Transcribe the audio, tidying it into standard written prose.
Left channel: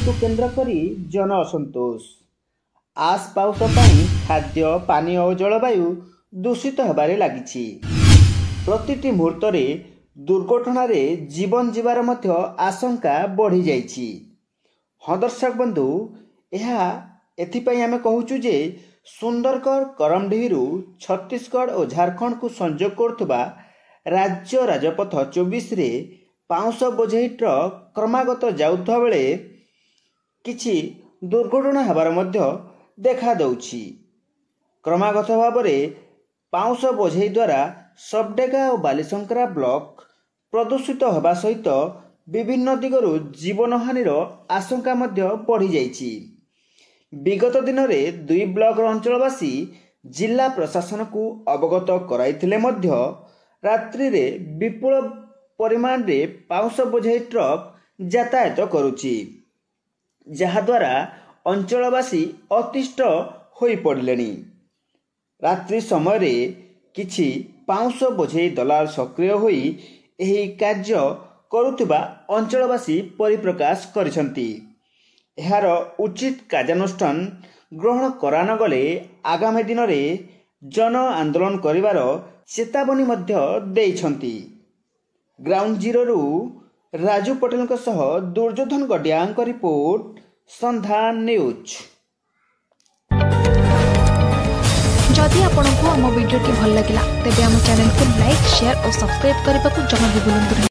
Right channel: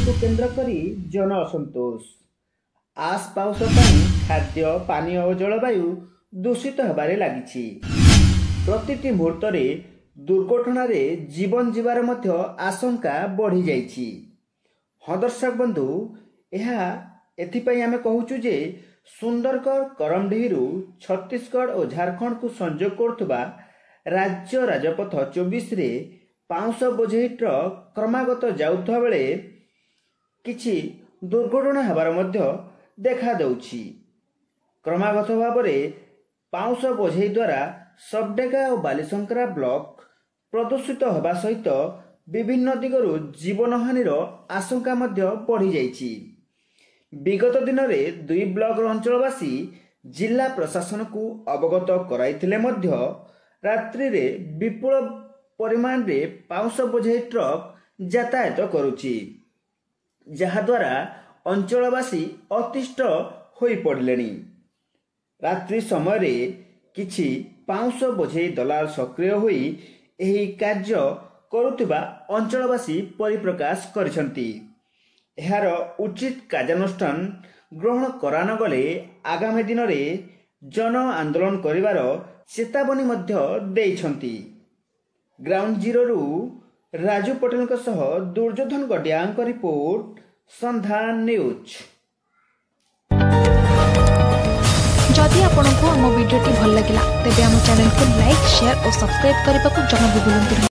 को केन्द्र करी जन असंतोष आस पाउस खाद्य पानी और जलवायु दूषित होबारे लागिछि। प्रतिटी मुहूर्त दुर्घटना जीवन जीवार मध्य आशंका बढ़ी जाइछि। हाँ दर्शक बंधु, एथिपाई आमे कहूचु जे सुंदरगढ़ करमडीहिरु छत्तीसगढ़ और झारखंड को संजोग करुवा राज्य राजपथ 24 रे पाउंश बोझेई ट्रक क्रमागत जाउथवा बेले किछि दुर्घटना हेबार मध्य देखा दउछि। क्रमागत भाव में पाउंश बोझेई द्वारा सबडेगा और बालीशंकरा ब्लॉक प्रदूषित होगा सहित विभिन्न दिगरु जीवन हानिर आशंका मध्य बढ़ी जाइछि। विगत दिन में 2 ब्लॉक अंचलवासी जिला प्रशासन को अवगत कराइथिले मध्य रात्रि रे विपुल परिमाण रे पाउंश बोझेई ट्रक यातायात करुछि, जहाद्वारा अंचलवासी अतिष्ठ होई पड़िलेनि। रात्रि समय रे किछि पाउंश बोझेई दलाल सक्रिय होई एही कार्य करुथिबा अंचलवासी परिप्रकाश करिसंती। एहार उचित कार्यानुष्ठान ग्रहण करान गले आगामी दिन में जन आंदोलन करिवार चेतावनी मध्य देइछंती। ग्राउंड जीरो राजू पटेल सह दुर्योधन गडियां रिपोर्ट, संधान न्यूज। जदि आपंक आम भिडी भल लगा तेब आम चैनल को लाइक, शेयर और सब्सक्राइब करने को जमा भी भूलु।